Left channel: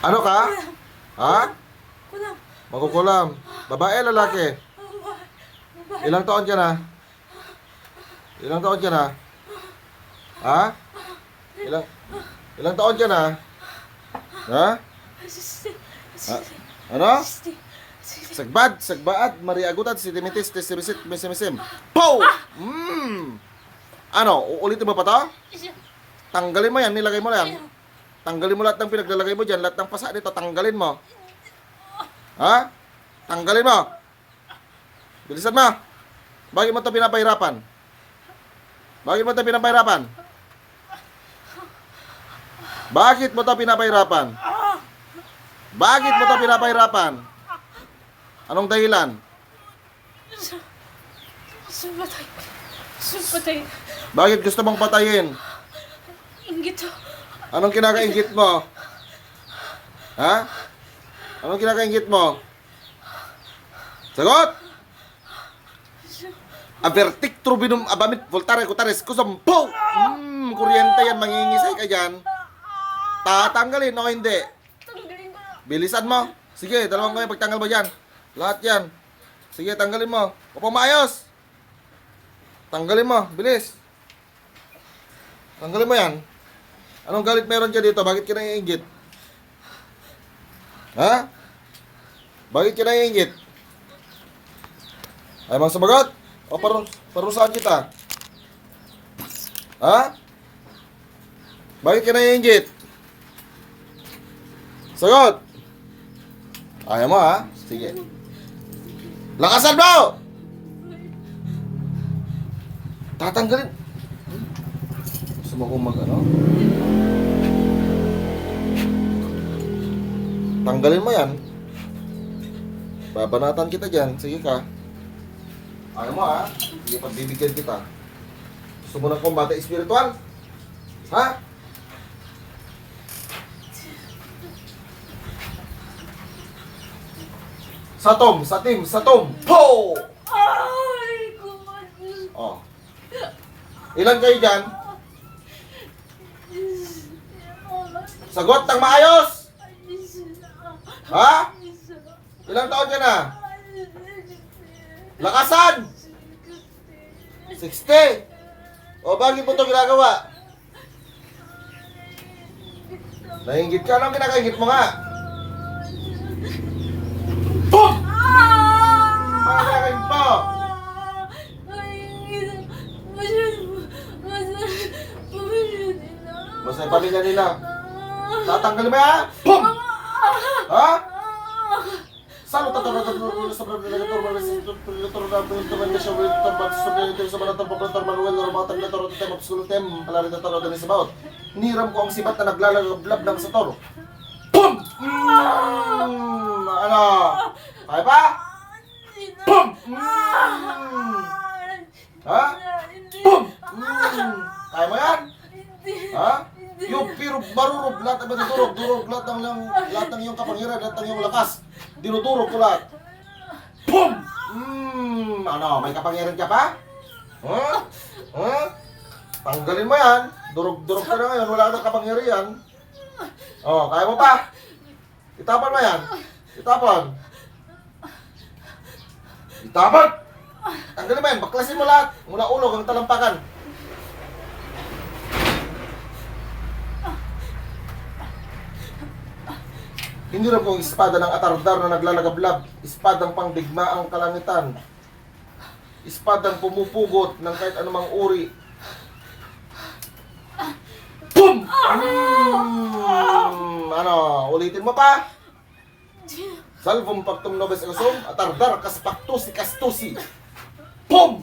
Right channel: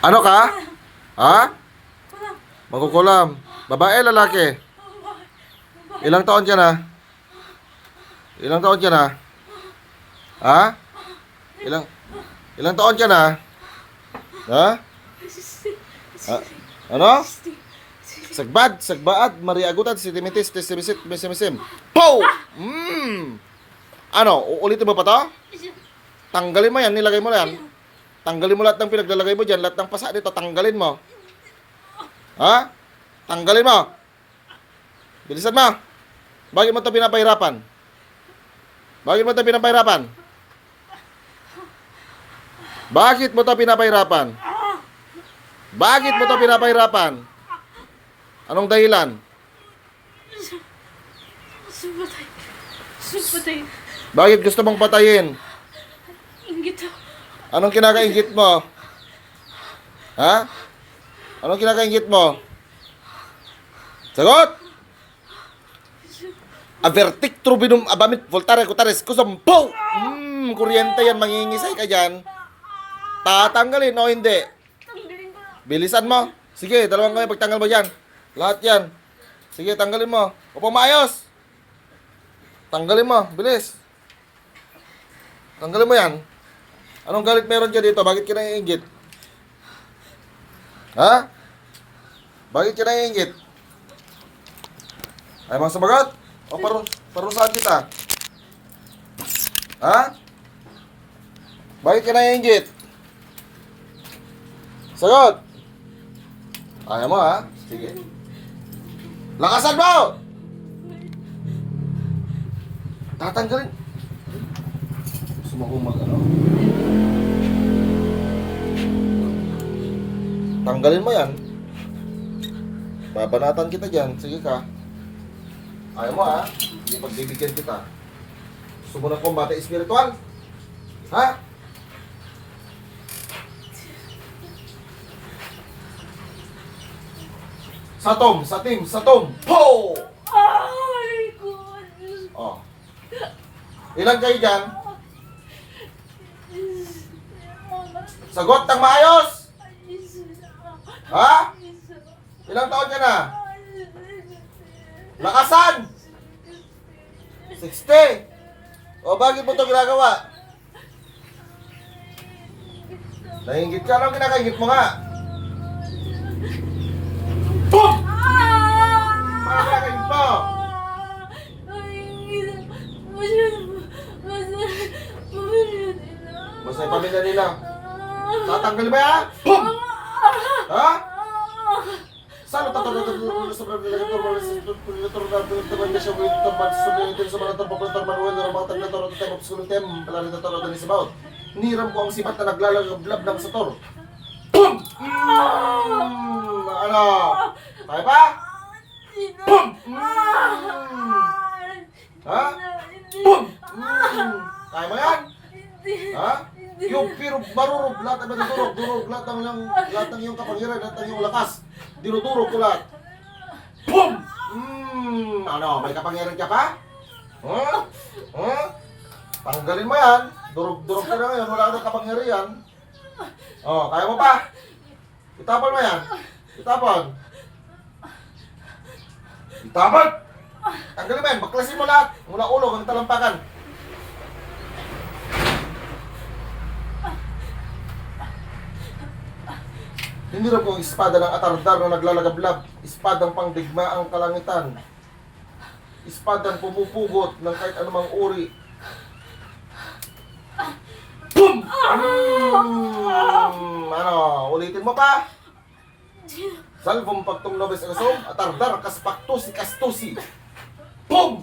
Ano ka? Ha? Kulam. Makukulam. Babae, lalaki? Ilang taon ka na? Ilang taon ka na? Ha? Ilang taon ka na? Ha? Ha? Ano? Sagbaad, mariagutan, sitimitis, testimisit, mesimisim. Pow! Ano, uulitin mo pa to? Tanggalin mo yan, nilagay mo yan. Tanggalin mo lahat ng pinaglalagay mo dyan, lahat ng pasa dito, tanggalin mo. Ha? Tanggalin mo. Bilisan mo. Bakit mo ito pinapahirapan? Bakit mo ito pinapahirapan? Bakit mo ito pinapahirapan? Bakit mo ito pinapahirapan? Anong dahilan? Supatay. Supatay. Bakit gusto mong patayin? Inggit. Anong kinakaingit mo? Ha? Anong kinakaingit mo? Sagot! Avertic trubinum abamit voltare kutares kusum po! Kuryente yan, mangingisay ka dyan. Tatanggalin o hindi? Tanggalin ko na. Bilisan mo. Sige, dalawang kami pagtanggal mo dyan. Lahat yan. Sige, tanggalin mo. Upo maayos. Tanggalin mo. Bilis. Tanggalin mo yan. Anong galit meron dyan dito? Bakit ka naiingit? Ha? Bakit ka naiingit? Ay, mga sumagot? O parusahan kita? Ha? Bakit ka naiingit? Sagot! Ayaw mo, ha? Sige. Lakasan mo! Tatanggalin. Gusto mo kong ano? Tanggalin mo yan. Babanatan kita dyan. Sige ka. Ayaw mo, ha? Sige, pagbibigyan kita. Gusto mo ng kombate espiritual? Ha? Satom! Po! Ay, kuwan. Oh. Ilan kayo dyan? Sagot ng maayos! Ha? Ilang taon ka na? Lakasan! 60! O, bakit mo ito ginagawa? Nainggit ka? Anong kinakaingit mo nga? Boom! Mga kinakaingit mo! Masay pamilya nila. Tatanggalin mo yan? Boom! Ha? Salo tatalo sa niram ko ang sibat na naglalagablab ng sa toro. Boom! Ano? Kaya pa? Boom! Ha? Boom! Kaya mo yan? Ha? Yung pero marurog lahat ng durog lahat ng iyong kapangyarihan, lahat ng iyong lakas. Dinudurog ko lahat. Boom! Ano, may kapangyarihan ka pa? Huh? Huh? Tanggalin mo yan. Durog ka na ngayon, wala ka ng kapangyarihan. Oh, kaya mo pa? Itapon mo yan. Itapon. Tanggalin mo yan, baklasin mo lahat. Mula ulo hanggang talampakan. Hindi rin po espada ng atardar na naglalagablab, espadang pangdigmaang kalangitan, espadang pumupugot ng kahit anumang uri. Boom! Ano, ulitin mo pa? Salvum pactum nobis egosum, atardar kastusi. Boom!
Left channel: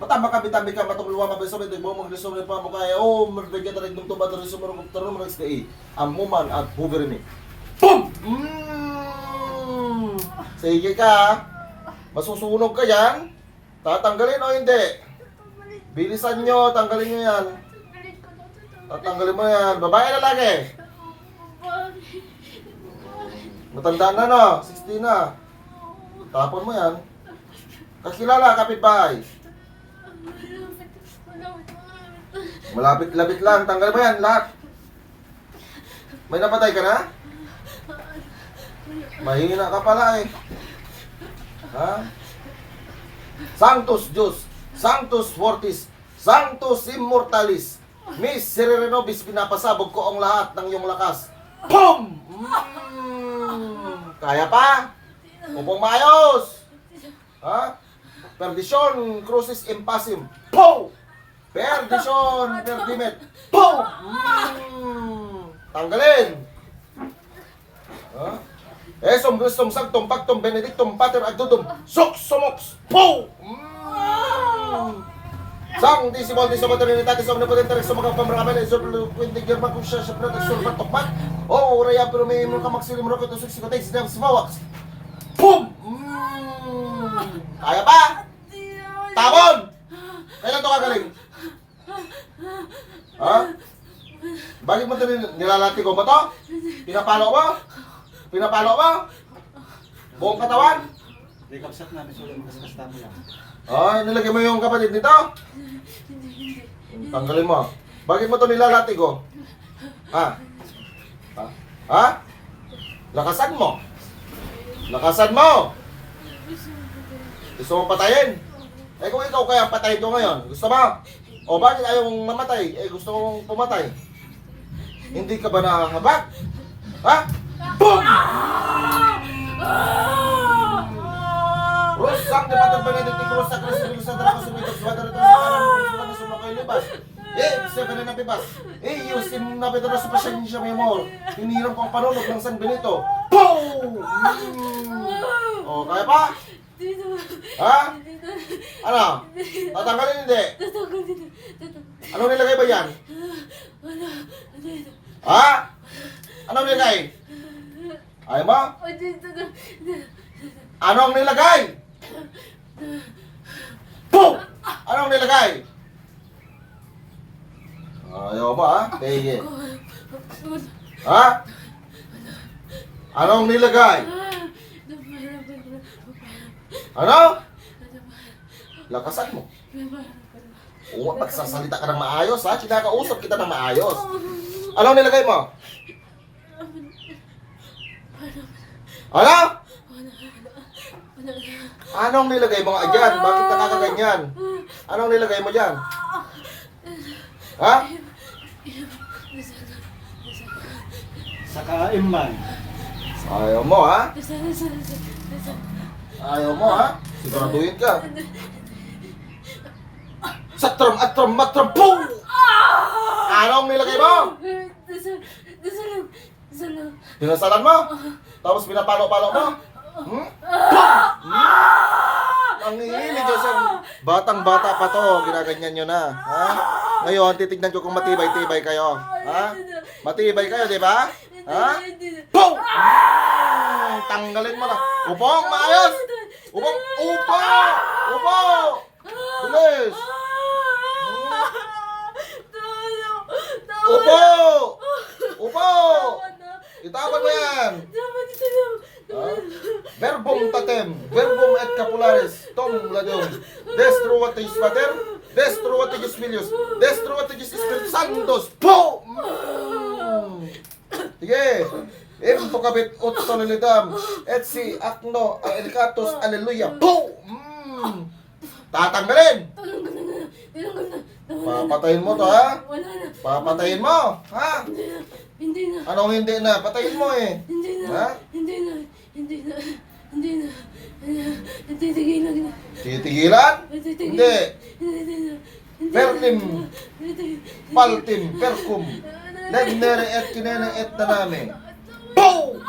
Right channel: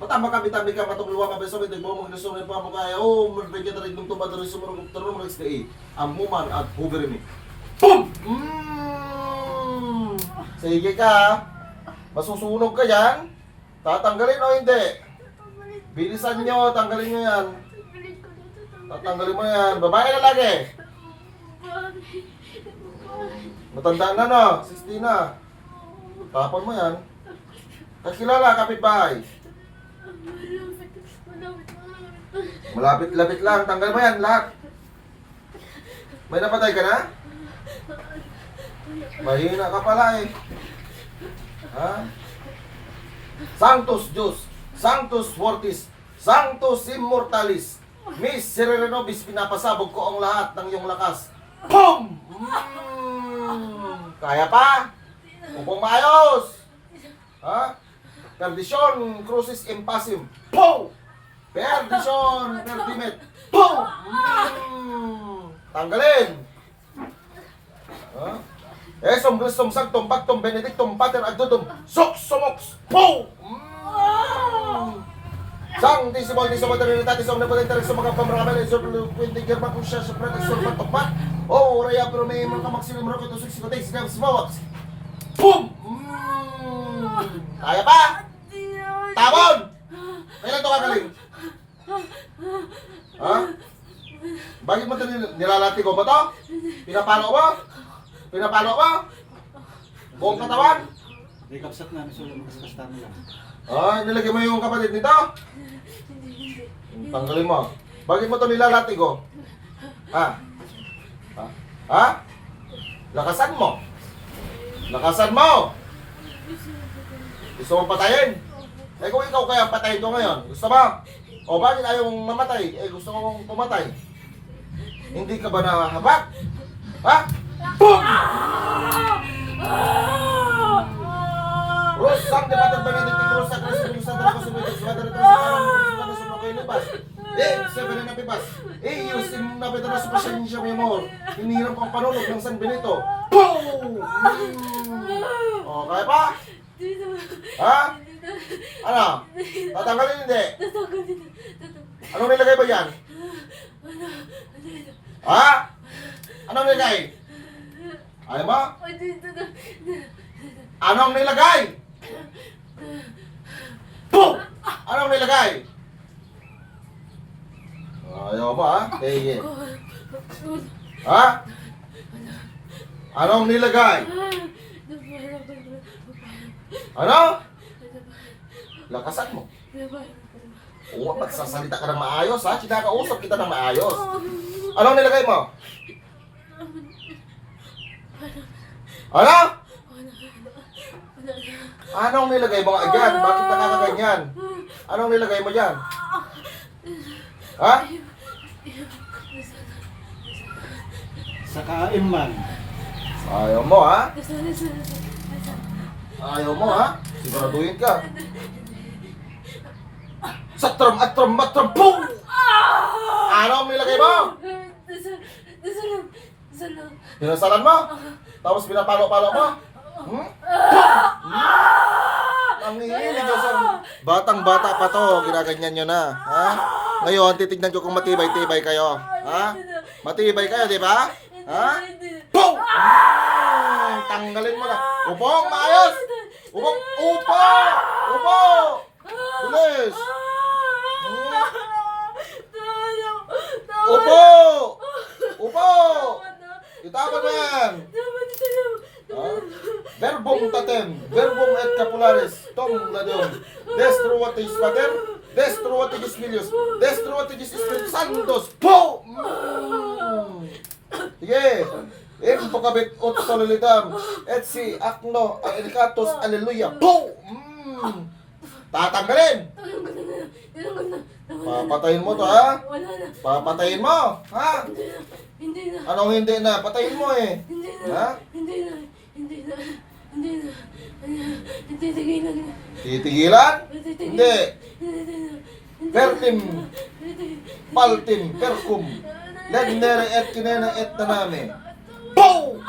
Matama ka, bitami ka, matukluwa, mabeso, ito mo, mga lusong pa mo kaya, magbigyan tayo ng tumba, tayo sumarong kuptaro, mga XKE, amuman at huberimi. Boom! Sige ka, masusunog ka yan, tatanggalin o hindi? Bilisan nyo, tanggalin nyo yan. Tatanggalin mo yan, babae lalaki? Matanda na no, 60 na. Tapon mo yan. Kakilala, kapitbahay. Malapit-lapit lang. Tanggal mo yan lahat. May napatay ka na? Mahina ka pala eh. Ha? Sanctus Deus, Sanctus Fortis, Sanctus Immortalis, Miserere nobis, pinapasabog ko ang lahat ng iyong lakas. Boom! Kaya pa? Upong maayos! Ha? Perdition, crucis impassim. Boom! Perdition, perdimet. Boom! Tanggalin! Ha? Esom, gustom, sagtom, pagtom, benedictum, pater, agdudum, sox, boom! Sanctissimo, Altissimo, Trinitatis, Omnipotente, Rex, Magapamrakabel, Exorbitant, Quinti, German, Kusya, Sapret, Exorbitant, Tokmat, O, Raya, pero may mga maksilim, Rocket, Usik, Sikotex, Devs, Mawax. Boom! Kaya pa? Tabon! Kailan ito kagaling? Ha? Bakit mo ito nilalati ko ba ito? Pinapalo mo? Pinapalo mo? Buong katawan? May kapsat namin sila makasakastan lang. Ay, nilagay mo yung kapatid nito? Tanggalin mo. Bakit mo ito nilalati ko? Ha? Ha? Ha? Lakasan mo. Lakasan mo. Gusto mo patayin? Eh kung ikaw kaya patayin ko ngayon, gusto mo? O bakit ayaw mong mamatay? Eh gusto mong pumatay. Hindi ka ba nahabag? Ha? Boom! Rose sang de Pater Benedicti Cruz sa Cristo sa Dracos sa Medex Water sa Kanan sa Lokay Libas. Seven na pibas. Yung sim na Pedro sa Pasensya Memor. Hinirang pang panulog ng San Benito. Boom! O, kaya pa? Ha? Ano? Tatanggalin hindi? Anong nilagay ba yan? Ha? Anong nilagay? Ayaw mo? Anong nilagay? Boom! Anong nilagay? Ayaw mo ha? Sige. Ha? Anong nilagay? Ano? Lakasan mo. Oo, magsasalita ka ng maayos ha? Sinakausap kita ng maayos. Anong nilagay mo? Ano? Anong nilagay mo nga dyan? Bakit nakakaganyan? Anong nilagay mo dyan? Ha? Sa kaimman. Ayaw mo ha? Ayaw mo ha? Siguraduhin ka. Satram, atram, matram, boom! Anong nilagay mo? Pinasalan mo? Tapos pinapalo-palo mo? Hmm? Ang hihilig yun sa batang-bata pa to, ginaganyan nyo na. Ha? Ngayon, titignan ko kung matibay-tibay kayo. Ha? Matibay kayo, di ba? Ha? Boom! Tanggalin mo na. Upong, maayos! Upong, upo! Upo! Bilis! Upo! Upo! Itapon mo yan! Ha? Verbum tatem, verbum et capularis, tom ladum, destro vatigis pater, destro vatigis filius, destro vatigis spiritus sanctus, po! Sige, impocabit ut solilitam, et si acno elicatus, alleluia, po! Tatanggalin! Papatayin mo to ha? Papatayin mo, ha? Hindi na. Anong hindi na? Patayin mo eh. Hindi na. Ha? Hindi na. Hindi na. Hindi na. Hindi tigilan na. Titigilan? Hindi. Hindi na. Pertim, paltim, percum, nagmere et kinena et naname. Boom!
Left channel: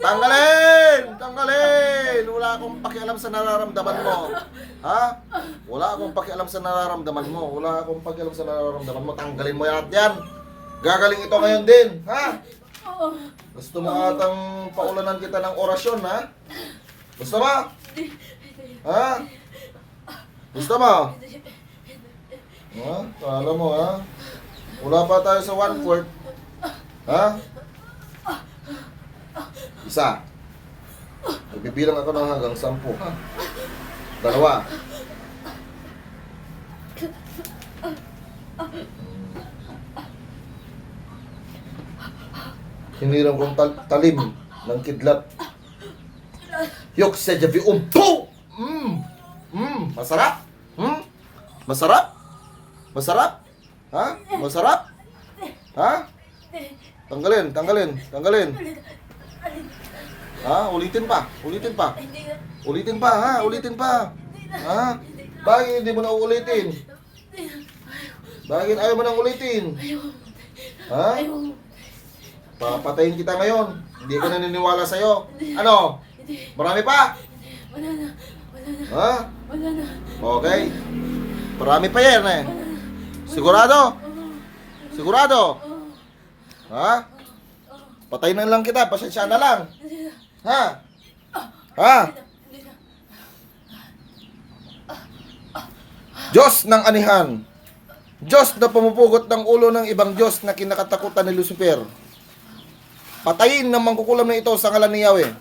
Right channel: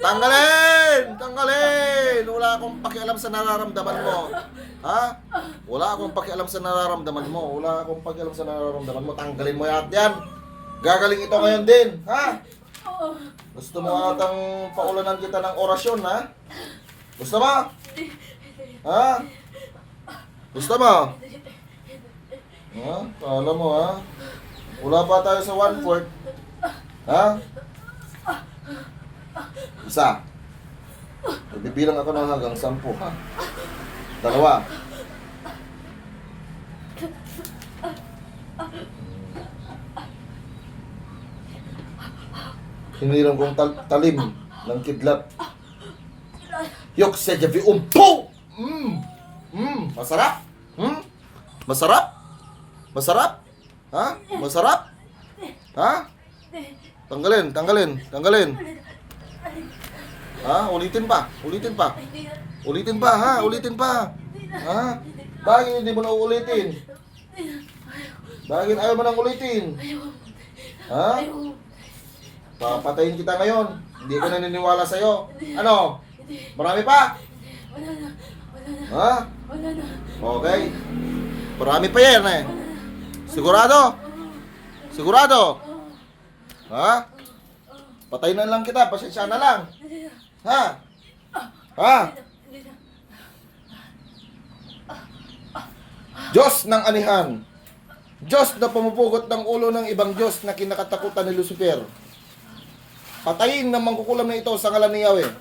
Tanggalin! Tanggalin! Wala akong pakialam sa nararamdaman mo. Ha? Wala akong pakialam sa nararamdaman mo. Wala akong pakialam sa nararamdaman mo. Tanggalin mo yan. Gagaling ito ngayon din. Ha? Gusto mo atang paulanan kita ng orasyon, ha? Gusto mo? Ha? Gusto mo? Ha? Kala mo, ha? Wala pa tayo sa 1/4. Ha? Isa. Bibilang ako ng hanggang 10, ha? Dalawa. Hiniram kong talim ng kidlat. Yok sa jabi umpo! Masarap? Masarap? Masarap? Ha? Masarap? Ha? Tanggalin. Ha? Ulitin pa. Ulitin pa, ha? Ulitin pa. Ha? Bakit hindi mo na uulitin? Bakit ayaw mo nang ulitin? Ha? Papatayin kita ngayon. Hindi ko naniniwala sa'yo. Ano? Marami pa? Wala na. Ha? Wala na. Okay. Marami pa yan eh. Sigurado? Sigurado? Ha? Patayin na lang kita. Pasensya na lang. Ha? Ha? Diyos ng anihan. Diyos na pumupugot ng ulo ng ibang Diyos na kinakatakutan ni Lucifer. Patayin ng mangkukulam na ito sa ngalan ni Yahweh.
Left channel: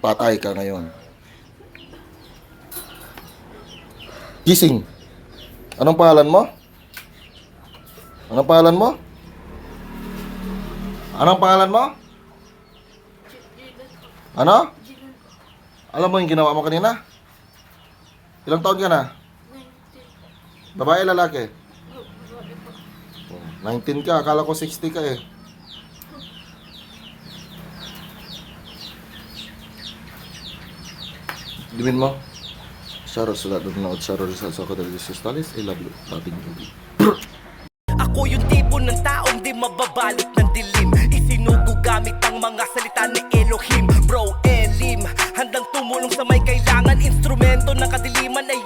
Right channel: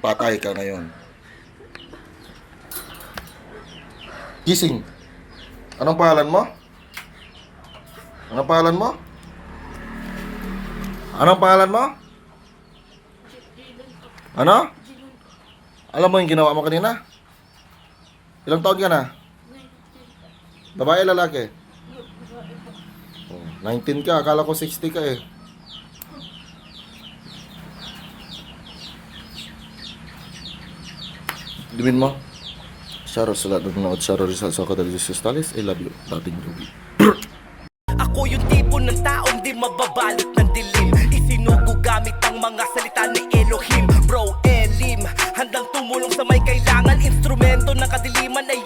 Patay ka ngayon. Gising. Anong pangalan mo? Anong pangalan mo? Anong pangalan mo? Ano? Alam mo yung ginawa mo kanina? Ilang taon ka na? Babae, lalaki? 19 ka, akala ko 60 ka eh. Dimin mo? Shoutout sa lahat ng nanood. Shoutout sa Kadali Jesus Talis. I love you. Dating Ruby. Ako yung tipo ng taong di mababalot ng dilim. Isinugo gamit ang mga salita ni Elohim. Bro, Elim, handang tumulong sa may kailangan. Instrumento ng kadiliman ay